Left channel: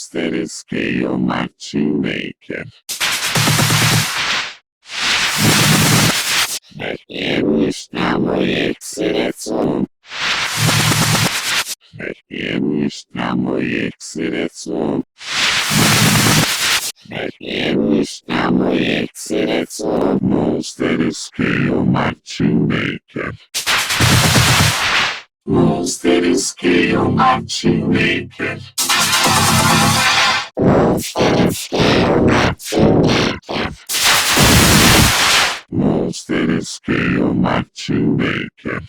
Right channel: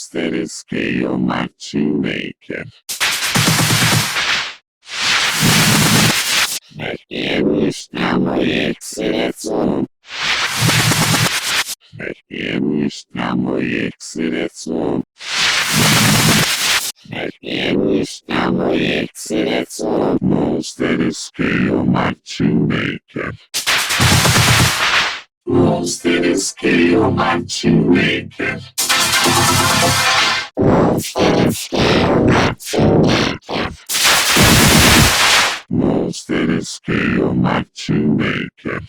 Monster Scale Matching Maker. Estamos X-Letson. Estamos X-Letson. Estamos X-Letson. Monster Scale Matching Maker. Monster Scale Matching Maker. Monster Scale Matching Maker. Monster Scale Matching Maker.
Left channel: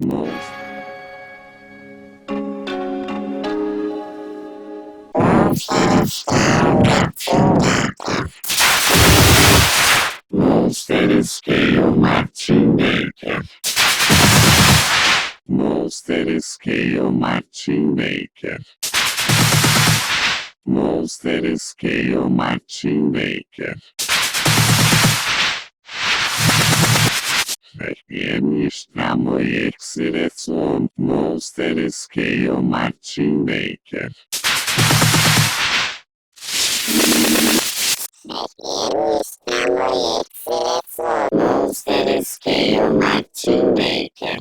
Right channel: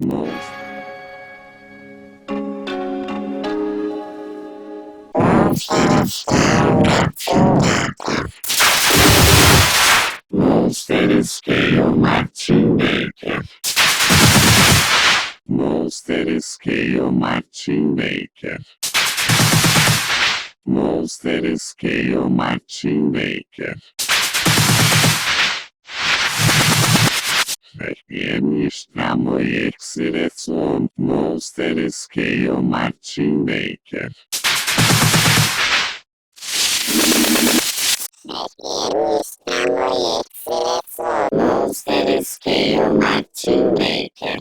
Monster Scale Matching Maker. Monster Scale Matching Maker. Monster Scale Matching Maker. Monster Scale Matching Maker. Estamos X-Letson. Monster Scale Matching Maker. Monster Scale Matching Maker.